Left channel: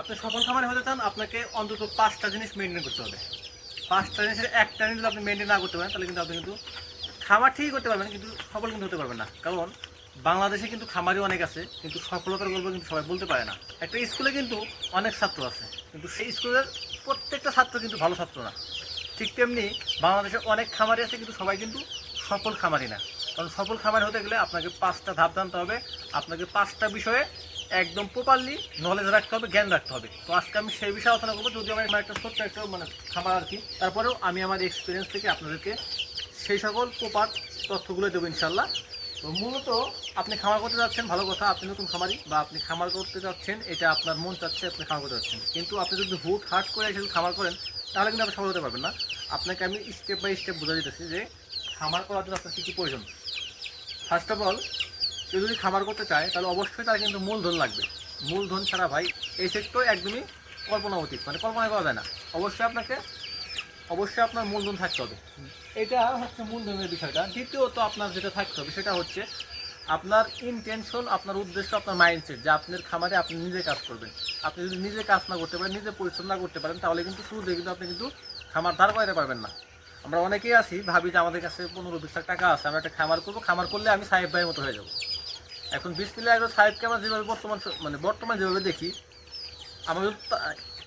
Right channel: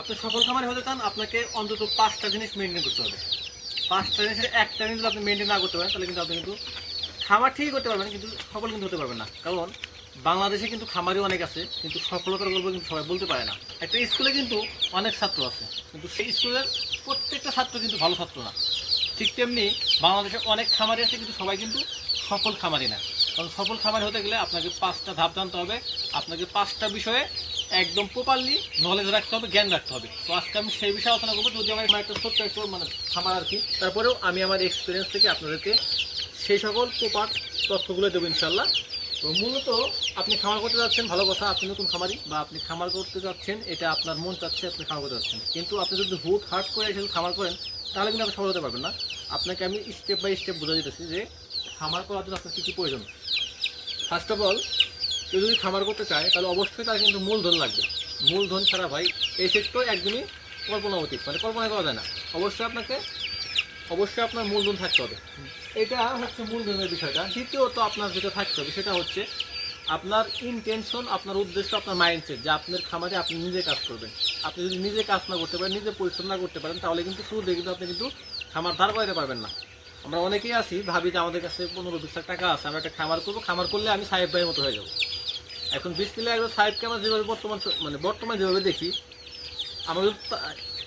আপনি সফল খামারে হতে চান, আপনাকে অন্তত পাঁচটা জিনিস মেনটেন করতে হবে। পাঁচটা জিনিসের একটা জিনিস আপনি মেনটেন না করতে পারেন, তাহলে কিন্তু আপনি কিন্তু খামার ঠিকই করতে পারবেন কিন্তু সফল কিন্তু হতে পারবেন না। কারণ বাংলাদেশে কিন্তু খামারই অনেক আছে, কিন্তু সফলতার গল্প কিন্তু সবাই বলতে পারে না। একটা স্কুলে কিন্তু অনেক ছাত্র আছে, কিন্তু সেই স্কুলের প্রত্যেকটা ছাত্র কিন্তু ভালো ছাত্র না। ঠিক তেমনি বাংলাদেশে অনেক খামারি আছে, কিন্তু সবাই কিন্তু সফল খামারি না। কারণ সফল খামারি হতে গেলে আপনাকে পাঁচটা ধাপ জানতে হবে। আপনাকে পাঁচটা বিষয়ে একদম প্রপারলি নলেজ রাখতে হবে, জ্ঞান রাখতে হবে। তো আজকে আমি সেই বিষয়ে আলোচনা করব যদি আমার একটা ছোট্ট একটা মানে খামার আর কি। তারপরেও আমি আমার এক্সপিরিয়েন্স থেকে আপনাদেরকে সেই সকল প্রপার তথ্যগুলো দেবো ইনশাল্লাহ তো মূলত আপনি খামার করতে যাচ্ছেন, ভালো কথা, আপনি নতুন খামারি বা আপনি খামার করতে যাচ্ছেন, এটা আপনার মন চাচ্ছে, আপনি খামার করতে যাচ্ছেন। কিন্তু আপনি যদি হুট হাট করে এসে খামার করেন, তাহলে কিন্তু আপনি সফল হতে পারবেন না। আপনাকে আমি স্টেপ বাই স্টেপ বোঝা দিতেছি যে খামার করার জন্য আপনার কী কী প্রয়োজন। ফার্স্ট অফ অল কেউ যদি খামার করতে চায়, তাহলে অবশ্যই তার কিন্তু মূলধন লাগবে। মূলধন ছাড়া ভাই, এই সেক্টর একদমই কল্পনা অতীত মানে কল্পনা করা যায় না। অবশ্যই আপনাকে, অবশ্যই আপনার মূলধন থাকতে হবে। এটা হচ্ছে মূলধনের বিষয়টা। দ্বিতীয়ত আপনার যেটা থাকতে হবে, সেটা হচ্ছে আপনার ইনটেনশন আপনার উদ্দেশ্য, আপনার মাইন্ডসেট যে আপনার খামারে আপনি নিজে কাজ করবেন। আপনি যদি নিজে কাজ না করতে পারেন, নিজে পরিশ্রম না করতে পারেন, তাহলে কিন্তু শুরু কিন্তু আপনি কিন্তু খামার দাঁড় করাতে পারবেন না। আমরা অনেকেই আছি, ভাবি যে আমাদের কাছে পনেরো বিশ লাখ টাকা আছে, আমরা একটা খামার করব। খামার করলে আমি সাহেব ভাইয়ের মতো হয়ে যাব। এখন বিসমিল্লা একজন সাহেবকে আমরা যেভাবে বর্তমান মানে বর্তমানে যেভাবে দেখি তা-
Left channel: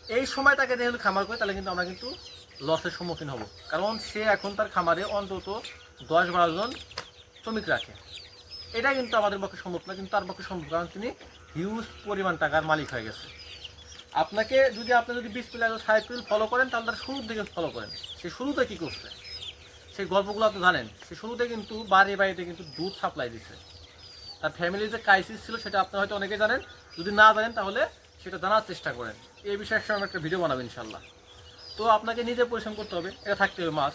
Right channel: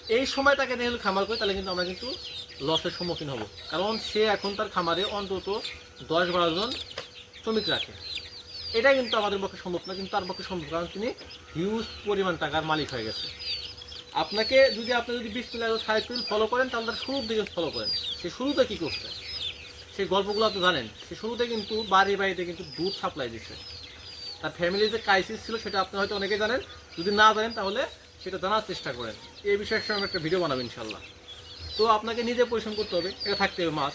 এই সময় তাকে দেখলে খামার করে, তাহলে কিন্তু আমরা কিন্তু লসের সম্মুখীন হব। কারণ সে এখন তার খামারে অন্তত দশ বারো জন শ্রমিক রাখে। এটা কিন্তু আমাদের পক্ষে সম্ভব না, কিন্তু তার পক্ষে সম্ভব, কারণ তিনি হিউজ পরিমাণ টাকার মালিক হয়ে গেছে। আপনাকে যদি আপনি যদি বিশ পিলার সাইকেল ফলো করেন, তাহলে তার শুরুর দিকে ফলো করেন। সে শুরুতে কী করছে? সেই গল্পগুলো আপনি জানেন। সে শুরুতে কিন্তু বাড়ি বাড়িতে কিন্তু দুধ সাপ্লাই দিচ্ছে তার ফ্যামিলির যে ক্রাইসিস ছিল সেটা আপনি হয়তো অনেকে জানেন। যদি না জানেন তাহলে সেটা জানার চেষ্টা করেন। এই বিষয়ের সঙ্গে একটা ভিডিও বানাবেন ইনশাল্লাহ তো আপনাকে নিজে পরিশ্রম করতে হবে, এটা থাকতে হবে মাস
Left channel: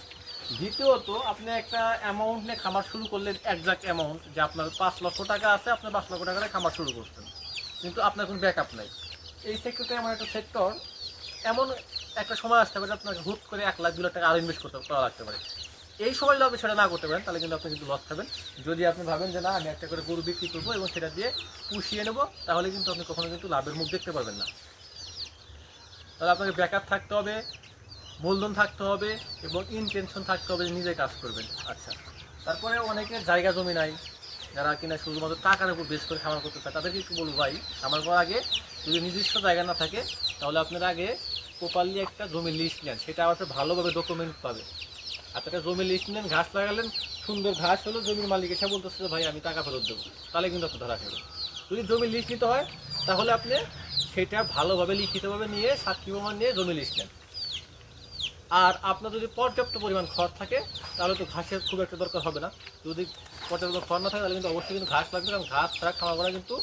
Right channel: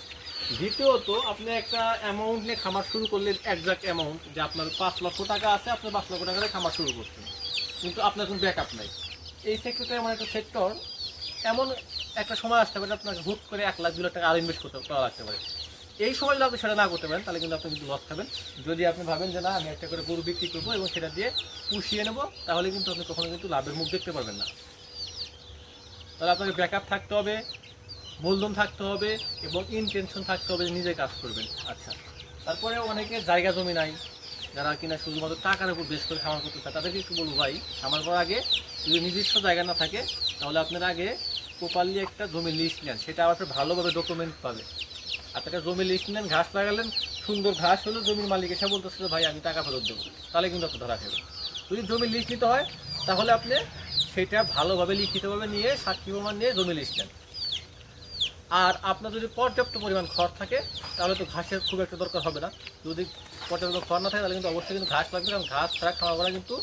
দ্বিতীয়ত, আপনি একটা অ্যামাউন্ট নিয়ে খামার শুরু করলে একজাক্ট অ্যামাউন্ট যে আপনার পাঁচ লক্ষ টাকা আছে, আপনি পাঁচ লক্ষ টাকা খামার শুরু করছেন। কিন্তু আপনার কোনো ব্যাকআপ নাই। এই সেক্টরটা এমন একটা সেক্টর এমন একটা সময় আসতে পারে আপনাকে হুট করে এক লাখ দু লাখ টাকা আরও ইনভেস্ট করতে করা লাগতে পারে। এই সময় যদি আপনি সেটা না করতে পারেন, তাহলে কিন্তু আপনি কিন্তু লস খাবেন। যদি আপনি ভাবেন যে না, আমি একটা করে গরু বিক্রি করব এবং সেটা দিয়ে পুষিয়ে নেব, তাহলে কিন্তু আপনি কখনো কিন্তু লাভের মুখ দেখতে পারবেন না। তাহলে আপনাকে ব্যাকআপ থাকতে হবে, মূলধন থাকতে হবে এবং ইনটেনশন থাকতে হবে যে নিজে কাজ করবেন। আচ্ছা তারপরে অনেকে জায়গা জমি নাই, যারা কিনা শুধুমাত্র টাকার উপর বেশ করে খামার করতে চায়, তাদেরকে একটু বলব ভাই, খামার করার আগে যদি নিজস্ব জায়গা না থাকে, তাহলে আপনার আগে প্রপারলি একটা জমি লিস্ট নেন, সেটা আবার ভালোভাবে ডকুমেন্ট পাবে। আপনি একটা জমি লিস্ট নেন, ঘাস লাগালেন, সুন্দর ঘাস হলো, জমির মালিক এসে বলতেছে ভাই, আমি টাকা ফেরত দেবো। তাহলে কিন্তু আপনি ধরা খাবেন। যদি জমি লিস্ট নিতে হয়, তাহলে আপনি সেটা ভালোভাবে লিখিতভাবে নিয়ে, সাক্ষী প্রমাণ নিয়ে জমি লিস্ট নেন। আর আপনার যদি পর্যাপ্ত পরিমাণ খড় থাকে, তাহলে তো ঘাসের খুব একটা দরকার হবে না। যদি পর্যাপ্ত খড় না থাকে, তাহলে কিন্তু অবশ্যই কিন্তু ঘাস লাগবে, কারণ ঘাস ছাড়া খাওয়া করা কিন্তু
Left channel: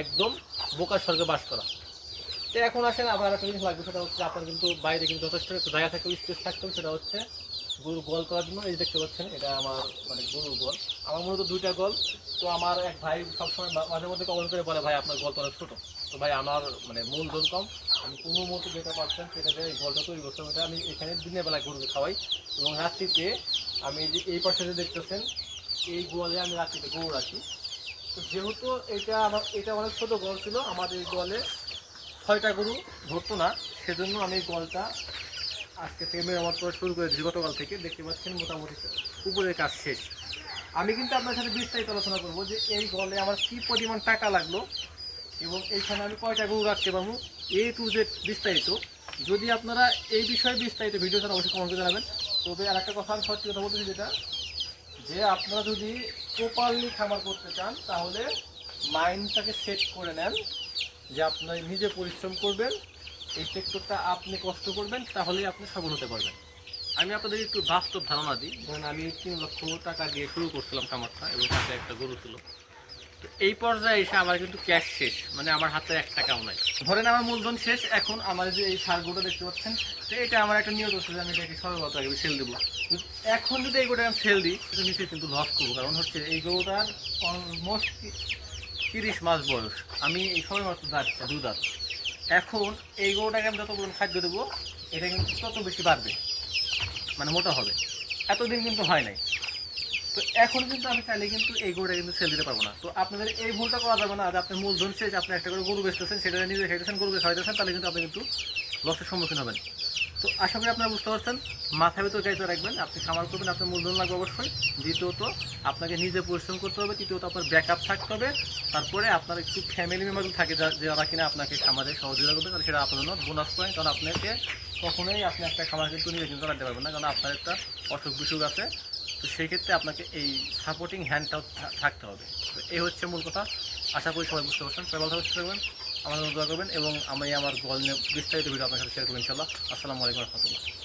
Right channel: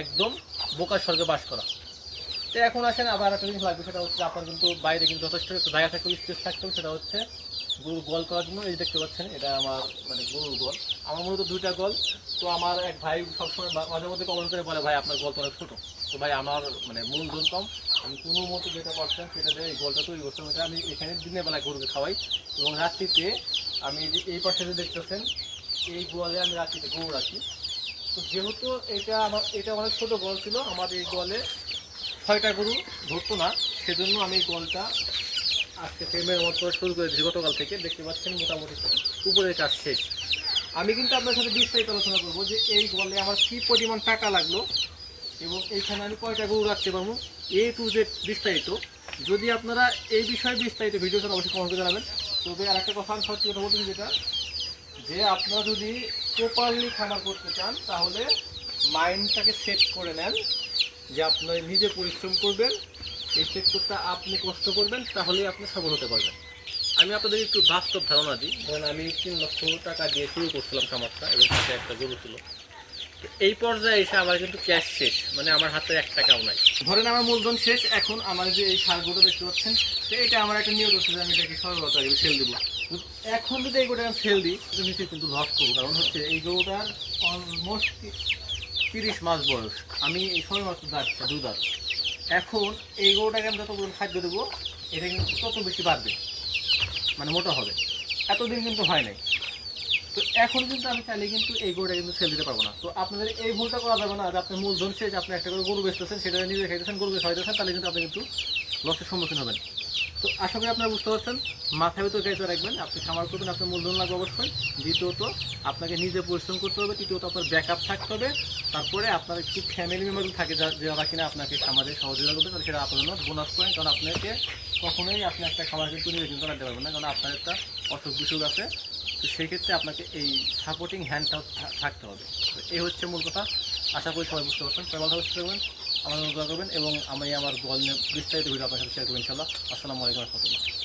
একদম বোকার স্বর্গে বাস করা। তো এখন আসেন, আবার একটা জিনিস লাগবে, সেটা হচ্ছে আপনার কিন্তু বাইরে কিন্তু যথেষ্ট একটু জায়গা থাকবে স্পেস থাকতে হবে, সেটা হচ্ছে গরুর গোল করার জন্য। এই দেখতে পাচ্ছেন, এটা আমার মানে গরুর গোল আমার মূলত দুইটা গোল তো আমার এক ভাই সবসময় মাঝে মধ্যে কমেন্ট করে বলে, ভাই, আপনার গল্প অনেক ছোটো। তো ভাই, আমার মানে মূলধন কম। আমি কোনো মতো যেটা পারছেন, সেটা এই গোলটা তৈরি করতে হবে আমি এখানে দিনের বেলায় গরুকে খাওয়াই। এবং রাত্রিতে আমি যে এই পাশে যে দেখতেছেন, এই গোয়ালে আমি রাত্রিতে গরু রাখি। তো যেহেতু এটা আমার এটা অনেক ছোটো গল ছিল আমার এই গোয়ালে ছয়টা গরু ধরতো না, সেজন্য আমি গোয়ালটা আজকে থেকে মেরামত করা শুরু করেছি গতকাল থেকে। দেখতে পাচ্ছেন মোটামুটি উপরের কাজ শেষ। আমি কিন্তু আপনার সাথে বিস্তারিত আলোচনা করব যে এই গলে আমার কী পরিমাণ টাকা লাগল এবং এইখানে আমি কয়টা গরু রাখতে পারব এ টু জেড বিস্তারিত। যদি আপনারা এই বিষয়ে বিস্তারিত ভিডিও চান অবশ্যই কমেন্ট করে জানাবেন। তবে আর একটা কথা আমি সত্যি কথা বলতেছি যেটা, যে আপনারা যদি প্রপারলি খামার করতে চান, তাহলে মাইন্ডটাকে সেট করে নেন। যে আপনি নিজে পরিশ্রম করবেন, এই সেক্টরটা আপনি কষ্ট করবেন, তাহলেই আপনি সফল হতে পারবেন। আমি আপনাদের একটু বাস্তব ধারণা দিই। ধরেন আমি তিন লক্ষ টাকা দিয়ে শুরু করছিলাম খামারটা এবং সাথে একটা গরু ছিল। তো এই পর্যায়ে এসে আমার কিন্তু ক্যাশ শেষ মানে আমার হাতে এক টাকাও নাই। ধরেন আমার মূলধন শেষ, এখন আমার যে এই সারগুলো দেখতে পাচ্ছেন, তো এটা আমার একটা নিয়ত আছে যে আমি এটাকে সর্বত আগে সেল দেবো। এখন যদি এই গোটা আমি সেল দিই নিশ্চয়ই কিন্তু লস করব। কারণ হচ্ছে এই গরুটার অলমোস্ট তিরিশ মাস বয়স। আমি এই সময় মাত্র দাঁড়ছে দু দাঁত এখন এই গরুটাকে আমি যত পরিমাণ খাদ্য দেবো, এটা কিন্তু তত বেশি বাড়বে। মানে মোটা হবে। এতদিন কিন্তু হয় নাই। তো এখন কিন্তু আমি চাইলে কিন্তু এই গরুটা কিন্তু সেল দিতে পারব না। তো আপনাদের এই ভুলটা করা যাবে না যে আপনি মূলধন শেষ, আপনি একটা করে গরু বেচতেছেন, সেটা নিজে খাইতেছেন গরুকে খাইতেছেন তাহলে কিন্তু আপনি কিন্তু লসের সম্মুখীন হবেন। তো আশা করি আপনারা বুঝতে পারছেন মাথায় ভেতর গাইতে রাখবেন, আপনি খামার করবেন, আপনার মূলধন লাগবে অবশ্যই। দ্বিতীয়ত, আপনাকে নিজে পরিশ্রম করতে হবে, তৃতীয়ত আপনার ব্যাকআপ থাকতে হবে, তারপরে আপনার একটু ফ্যামিলি মেম্বার থাকে যারা কিনা আপনাকে খামারে সহযোগিতা করবে, তাহলে সেটা আপনার জন্য বোনাস পয়েন্ট কারণ আপনাকে কখনোই আপনি আপনার খামার কিন্তু নিজে কিন্তু চালাতে পারবেন না, কারণ আপনার একটা অসুখ বিসুখ আছে। তো সেই ক্ষেত্রে আপনাকে এই সাপোর্টিং হ্যান্ডটাও থাকতে হবে। তো এই হচ্ছে মূল কথা। আশা করি সবাই বুঝতে পারছেন। সবাই ভালো থাকবেন। আমার দোয়া করবেন এবং আমি আমার গল নিয়ে বিস্তারিত ভিডিও আপনার সাথে শেয়ার করবেন ইনশাল্লাহ আসসালামু আলাইকুম রহমতুল্লাহ।